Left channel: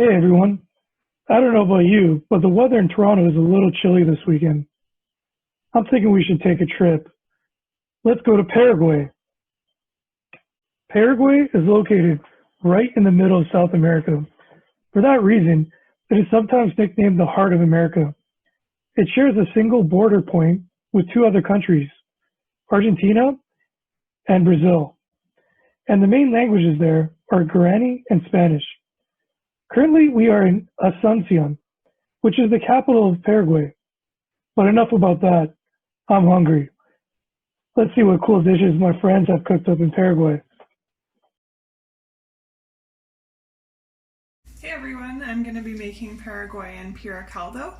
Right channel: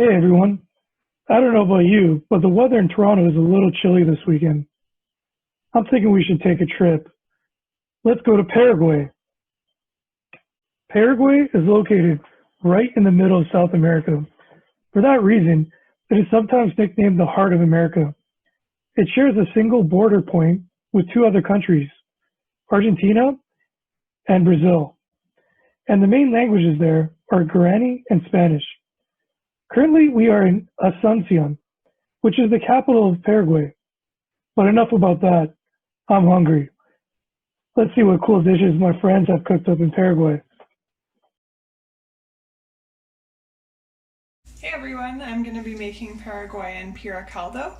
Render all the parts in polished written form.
Hey everyone. I don't know about you, but the weather in Toronto is a little chilly this weekend. I'm thinking we should take a trip. Let's go to Paraguay. Paraguay is located right in the middle of South America. For that reason, it is sometimes nicknamed the Heart of America. It shares a single border point with two other countries, Argentina and Brazil. And the main languages there are Guarani and Spanish. Currently, we are in Asuncion, which is the capital of Paraguay. But enough about that. I'm hungry. Let's see what cool dishes my friends have cooked up in Paraguay. Hey everyone, I'm going to be making Paraguayan pira caldo.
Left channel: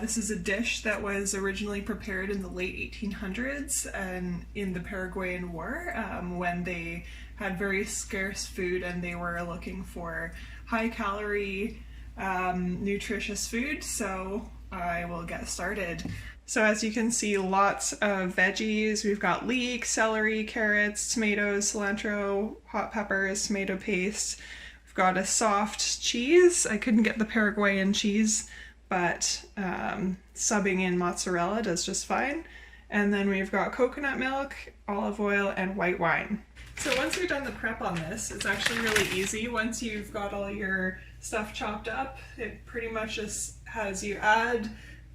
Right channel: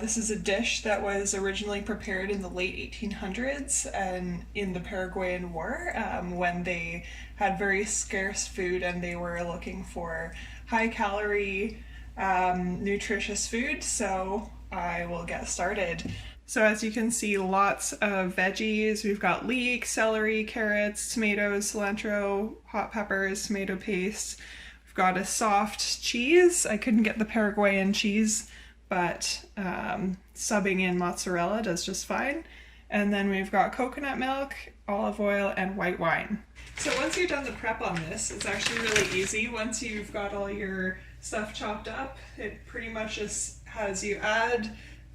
This is a dish that was originally prepared in the late 1800s and in the Paraguayan War when they had very scarce food and they were looking for high calorie, nutritious food. So I will get started. So as you can see, lots of veggies. We've got leek, celery, carrots, tomatoes, cilantro, hot peppers, tomato paste. We've got a soft cheese. I couldn't get the Paraguayan cheese, but subbing in mozzarella does just fine. And then we've got coconut milk, olive oil, and white wine. So once you've done the prep on this, it's actually really easy. Once you've got all your stuff chopped up, it pretty much just has you add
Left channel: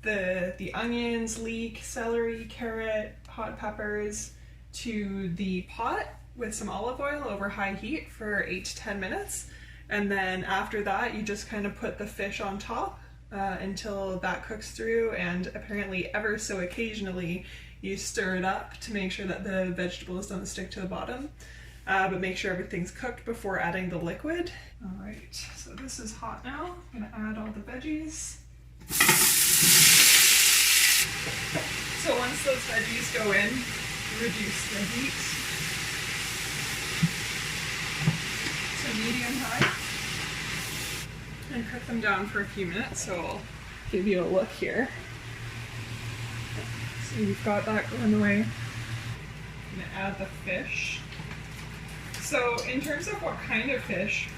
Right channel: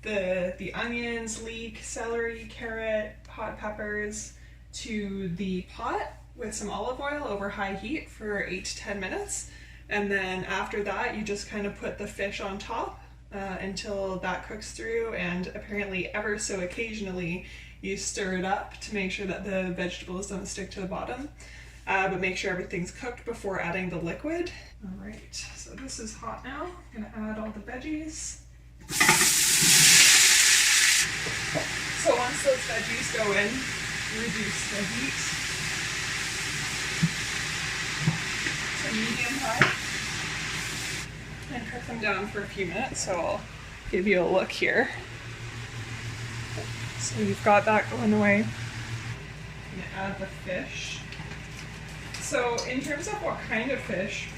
the onions, leek, celery, carrot, hot peppers to the pot with some olive oil over high heat for 8 to 10 minutes. And then after that, you just kind of put the fish on top until that cooks through, and apparently ever so occasionally you stir it up to make sure that the vegetables don't stick to the bottom. But make sure everything's cooked before adding the liquid. All right, so this is hot now. I'm gonna add all the veggies. So once those veggies go in, reduce the heat to medium high and cook them down for a few minutes. So I'll give you a look here. So you've got that going away. I'm gonna add the fish. So in terms of what kind of fish,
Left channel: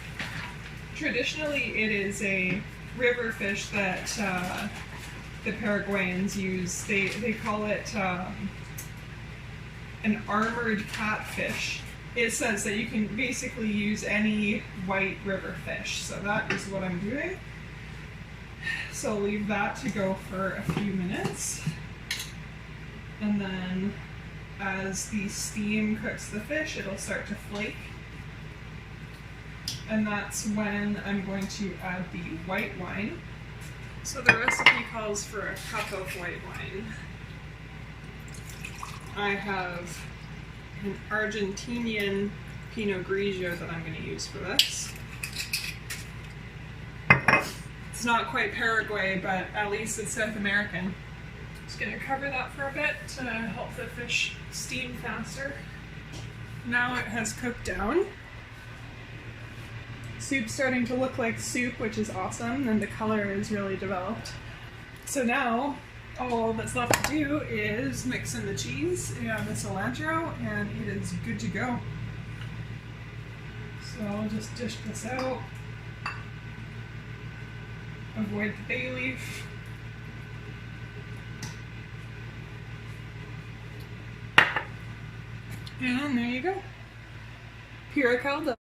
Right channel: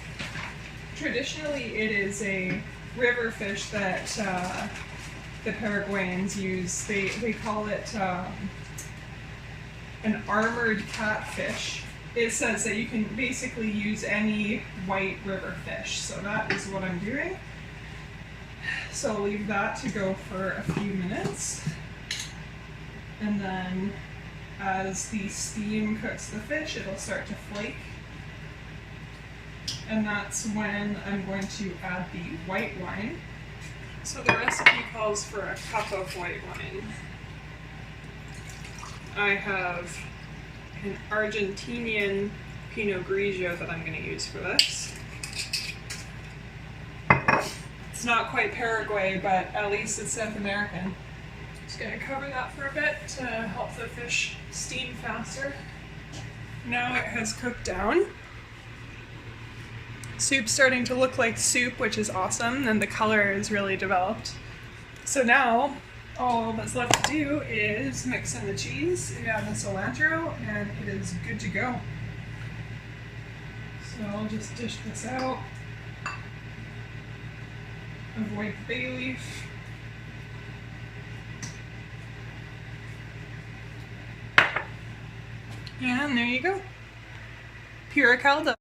traditionally it is a river fish that the Paraguayans use. They call it an armored catfish. It says that you can basically use any white river fish. So that is what I'm doing. So I'll leave that to go for a few minutes. And then as the steam cooks the fish, it'll start to flake. And that's when I'm going to add the white wine. So the recipe calls for a cup of white wine. I have an Argentinian Pinot Grigio that I'm going to use for this. It's not quite Paraguay, but at least it's South American. Just going to cover that for a bit to help the fish steam faster. Now it has cooked down. Soup's starting to look like soup, which is awesome, and the color is really developed. So now, all that's left to do is mix in the cheese and the cilantro, and it is good to go. So I'll just dish this out. Avoid the bay leaf. And there you go. Pura caldo.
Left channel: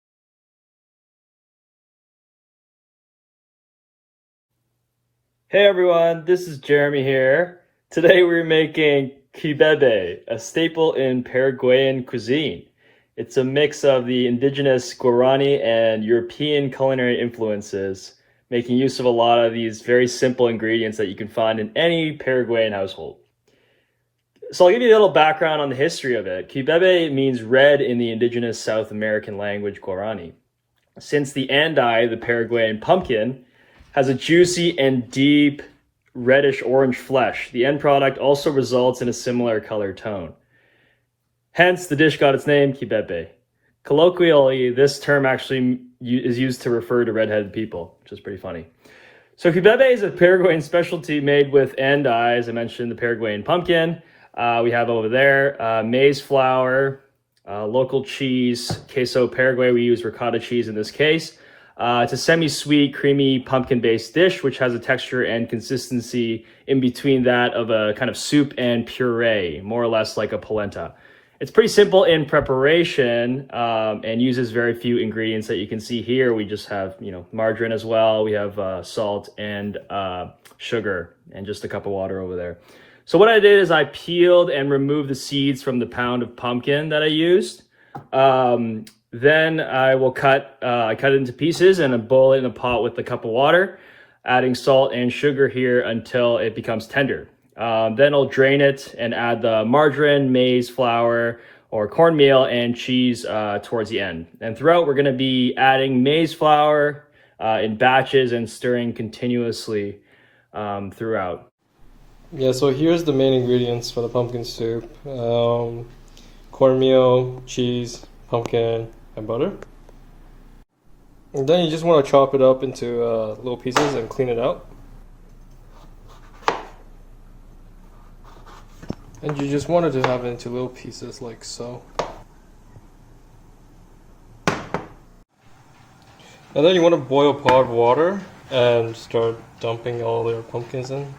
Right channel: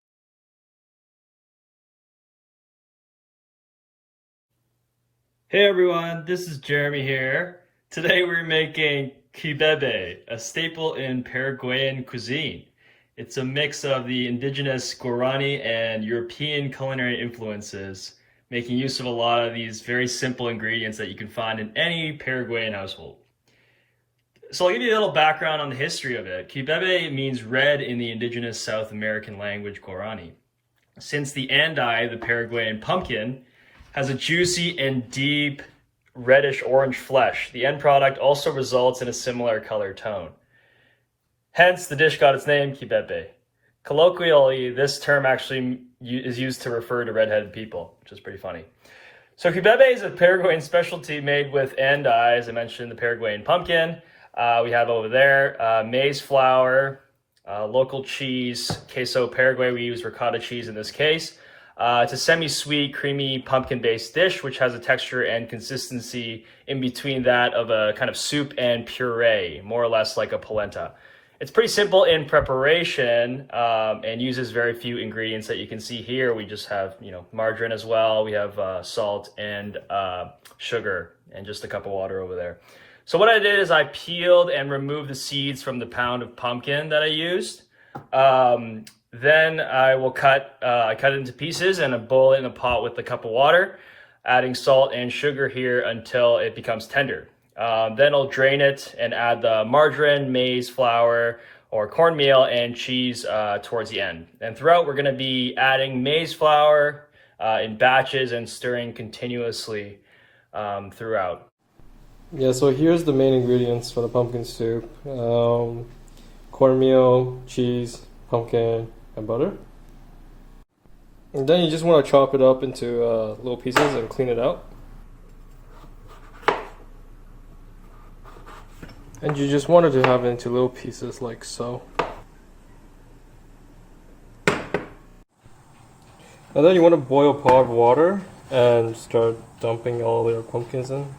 Hey everyone, this is Jeremy here. Today we're making quibebe, a staple in Paraguayan cuisine. It's a mix of the indigenous Guarani and European culinary influences, making use of a lot of these very simple ingredients that you can find in any Paraguayan household. So I'll give you a little background on the history of it. Quibebe means red in the indigenous South American language Guarani. Since the Andi, the Paraguayan pumpkin, has a juicy and deep reddish orange flesh, the end product also results in a similar color tone. Hence, the dish got its name, quibebe. Colloquially, this term actually is used to refer to redheaded people, which is pretty funny. So quibebe is a Paraguayan specialty made with andi, as I mentioned, the Paraguayan pumpkin. We have over there maize flour, local cheese, queso Paraguay, we use ricotta cheese in this case, It's a semi-sweet, creamy, pumpkin-based dish, which has a texture and consistency in between that of a kind of soup and puree, more or less like a polenta. It's pretty simple in preparation and uses very few ingredients that you can see here. We just have, margarine as well. We have salt and sugar and just a cup of water over there. So what I did is I peeled and removed the seeds from the pound of pumpkin that I used. Then I will cut it into pieces and then boil it in a pot with a cup of water, adding salt and sugar here until it becomes tender. Then I'll drain it and add the margarine, maize flour, or cornmeal and cheese towards the end. And throughout, we're going to be adding maize flour in batches and stirring continuously throughout. Yeah, so here's the main ingredients for the pumpkin soup. Cornmeal, cheese, pumpkin, and butter. And then you just want to chop it up into little pieces and clean it out. And you just wanted to have it into little pieces like so. And then you want to boil a pot of water and start dumping all your pumpkins in.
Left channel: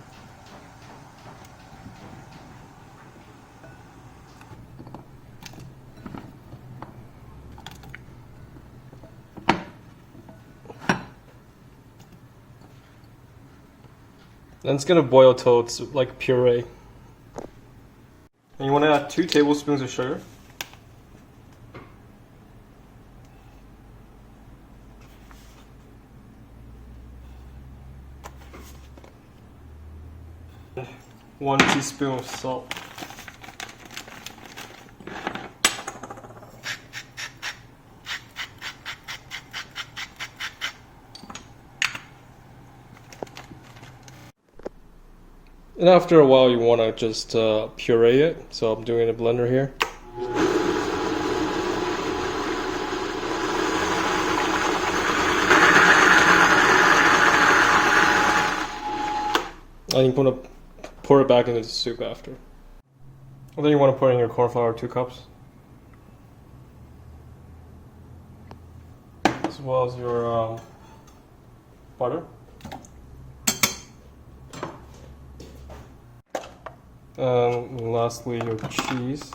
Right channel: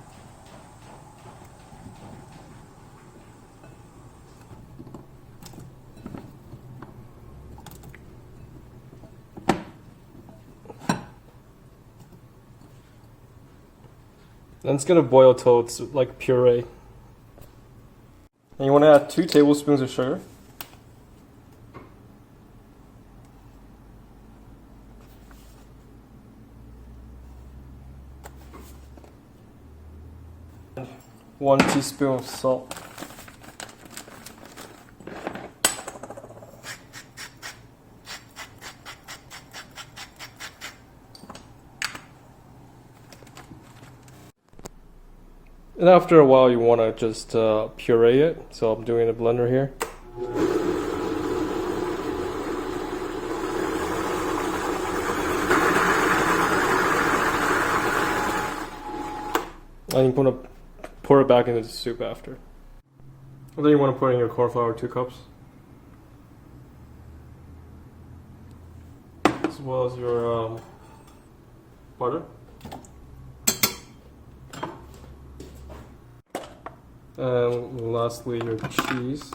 And it's gonna boil till it's like puree. And you want to add 2 tablespoons of sugar. And 1 teaspoon of salt. And after a while, you want to just puree it. So I'm doing a blender here. And you want to pour it back into the soup after. And then you want to put in your corn flour, 2 cups. As well as your butter. And lastly, your cheese.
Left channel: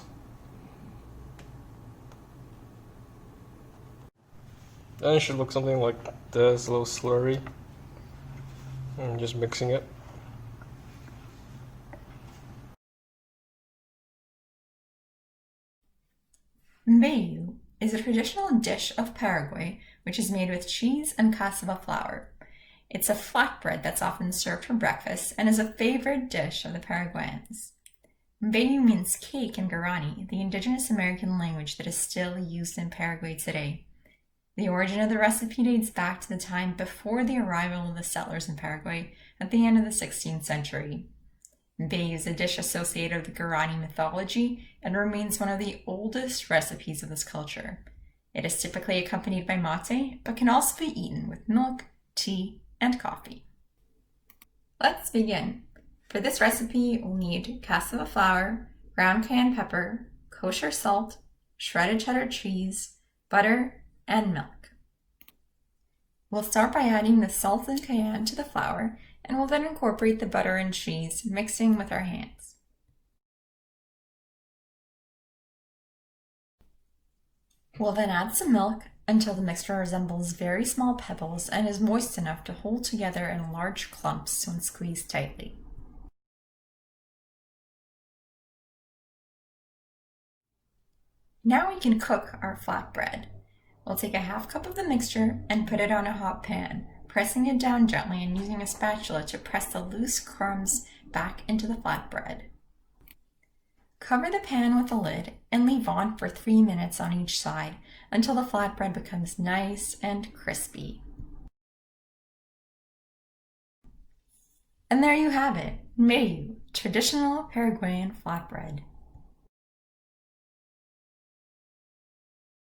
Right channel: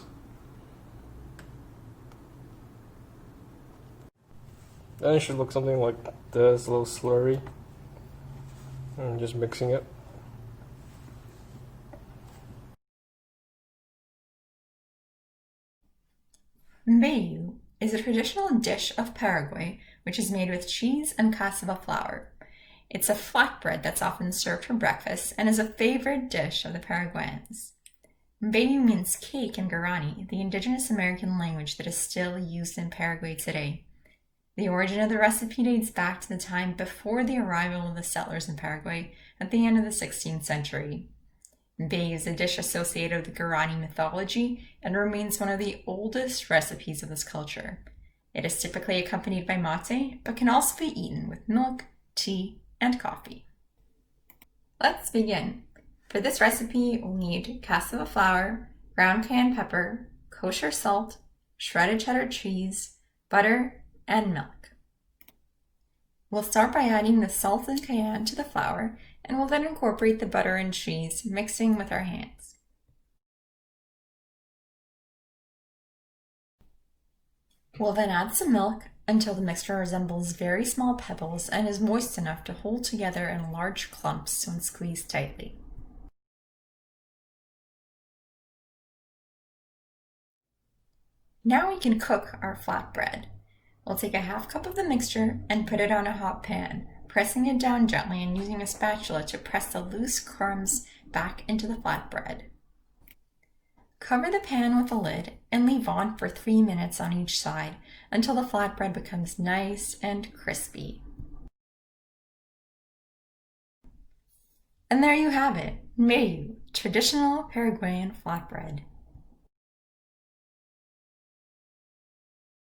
And it should look something like this, a little slurry. And just mixing it. Mbeju is a traditional dish of Paraguay which is made with cheese and cassava flour. It's a flatbread that's often served for breakfast and is a favorite dish of the Paraguayans. Mbeju means cake in Guarani, the indigenous American language that is still used in Paraguay today. The origin of the recipe dates back to the time before the arrival of the settlers in Paraguay at the end of the 16th century. Mbeju is a dish associated with the Guarani mythology and remains one of the oldest recipes of this culture. It is typically accompanied by mate, but can also be eaten with milk, tea, and coffee. Let's begin. For this recipe, we'll need cassava flour, ground cayenne pepper, kosher salt, shredded cheddar cheese, butter, and milk. We'll start by adding the salt and cayenne to the flour, and we'll then incorporate the butter and cheese, mixing with our hands. We'll then add some milk until the mixture resembles very small pebbles and is moist enough to hold together in large clumps when squeezed tightly. Now we can cook our flatbread. We'll take a half cup of the mixture and put it on a hot pan, pressing it down gently and using a spatula to press the loose crumbs back into the flatbread. Cover the pan with a lid and leave on for 3 minutes on each side until the flatbread becomes nice and crispy. And there you have it, Mbeju, traditional Paraguayan flatbread.